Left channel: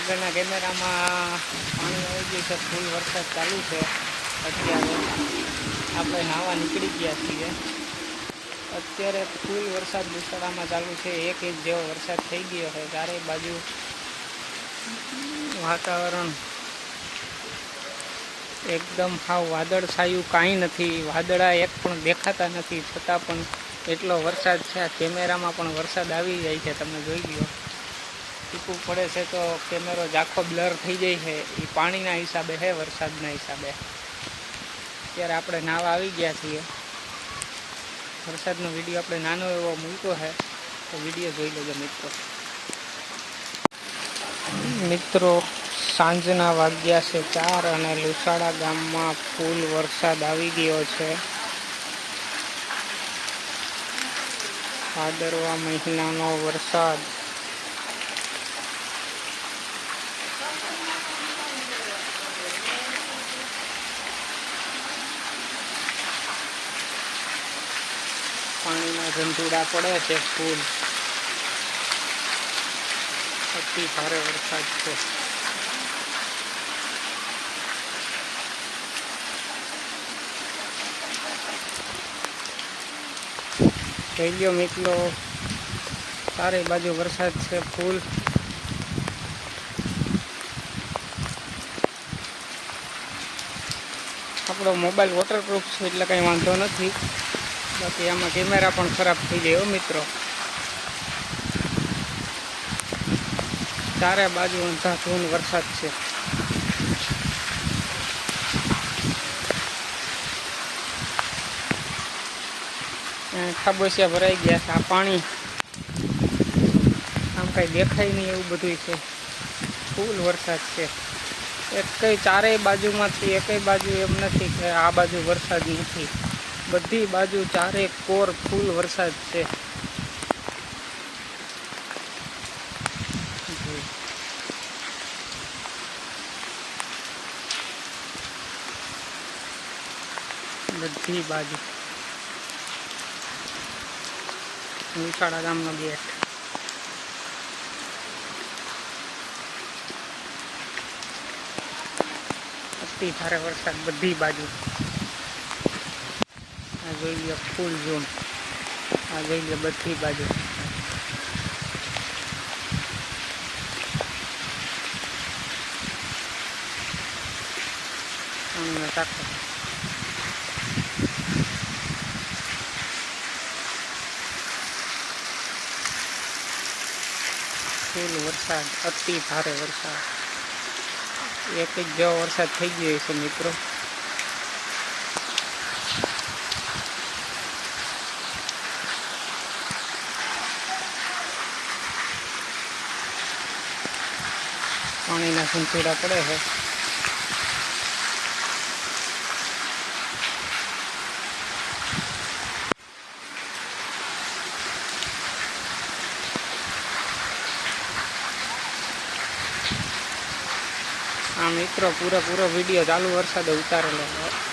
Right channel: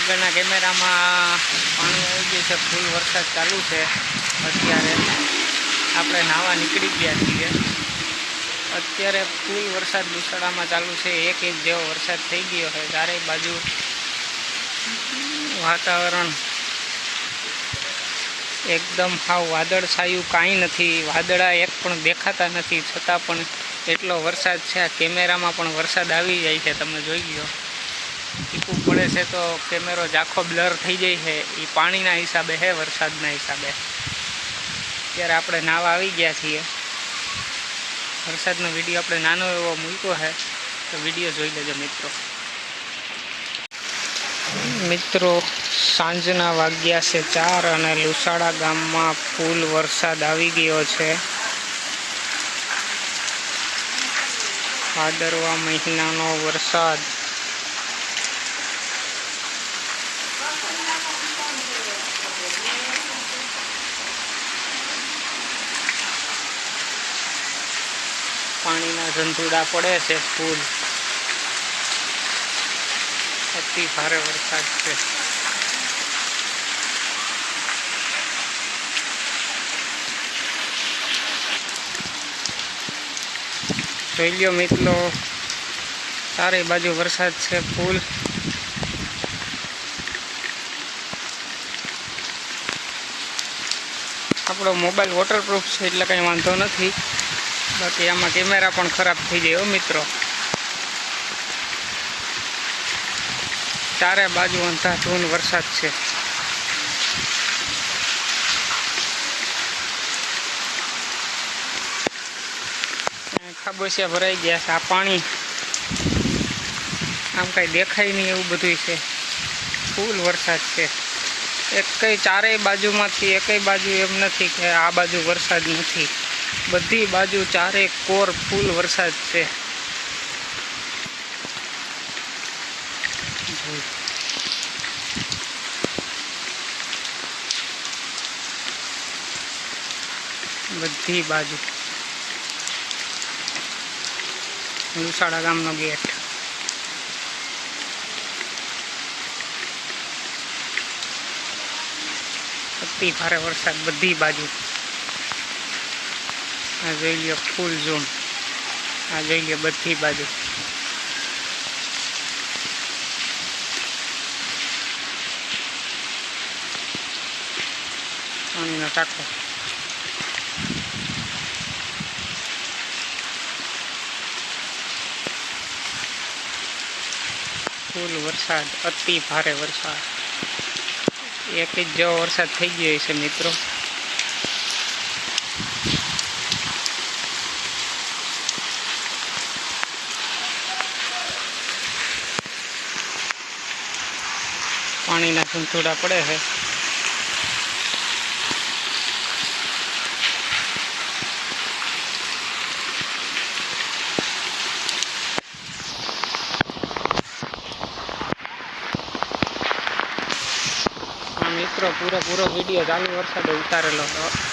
આગળના કેમેરામાં પાણી આવી ગયું છે, ફૂલ વરસાદ ચાલુ છે. અત્યારે આપણે નાવા નીકળી ગયા છીએ. અત્યારે ફૂલ વરસાદ દુસડામાં ચાલુ છે, એક ઇંચ જેવો વરસાદ થઈ ગયો છે. ચારેય બાજુ વાતાવરણ એકદમ હાવ વાદળ છાયું કાંઈ નથી. વાદળા એક પણ દેખાતા નથી, છતાં પણ એટલો વરસાદ છે. આ કેમેરામાં પણ વરસાદ આવી જાય છે, તમે જોઈ લ્યો. ટીપું પડે છે તો કેમેરો ઝાખો બ્લર થઈ જાય છે. એ પાણીના હિસાબે છે, વરસાદના હિસાબે. ત્યારે આપણે નાવા આવી ગયા છીએ. વરસાદનો વીડિયો આપણે નાનો એવો મૂક્યો છે, તો વીડિયો જોઈ લેજો મિત્રો. મિત્રો, સાંજના વાગ્યા છે ચાર અને લુસાડા ગામમાં ફૂલ વરસાદ આવી ગયો છે. ભાદરવા મહિનાનો વરસાદ. પાણીના ધંધુડા પડે છે, ફૂલ. અતિ ભારે વરસાદ છે. જોઈ લ્યો મિત્રો ચારે બાજુ વરસાદ છે, ફૂલ. આપણો મોબાઈલ વોટરપ્રૂફ છે, એટલે કંઈ વાંધો નથી. બાકી આમાં કેમેરા પણ ખરાબ થઈ જાય મિત્રો. ચારે બાજુ અંધાધૂન વરસાદ છે. ખાબોચિયા ભરાઈ ગયા છે, આ પાણી. આમ કાંઈ દેખાય નહીં એવું બધું છે. ફૂલ વરસાદ છે. એક ચારેય બાજુમાંથી, એકય બાજુ એમ નથી કે આ બાજુ વરસાદ નથી. બધી બાજુ ચારે કોર ફૂલ વરસાદ છે. બધી બાજુ. લુસાડા ગામનો ગેટ. અતિ ભારે વરસાદ બધી બાજુ. આ જોઈ લ્યો ફૂલ ઝોન આ જોઈ લ્યો બધી બાજુ. પાણીનો ટાંકો ફૂલ વરસાદ, અતિ ભારે વરસાદ. એક જ જેવો વરસાદ થઈ ગયો છે મિત્રો. પાણીના સંતુડા પડે છે. મિત્રો પૂરો પૂરો વીડિયો ચાલુ વરસાદે ઉતારેલો હતો.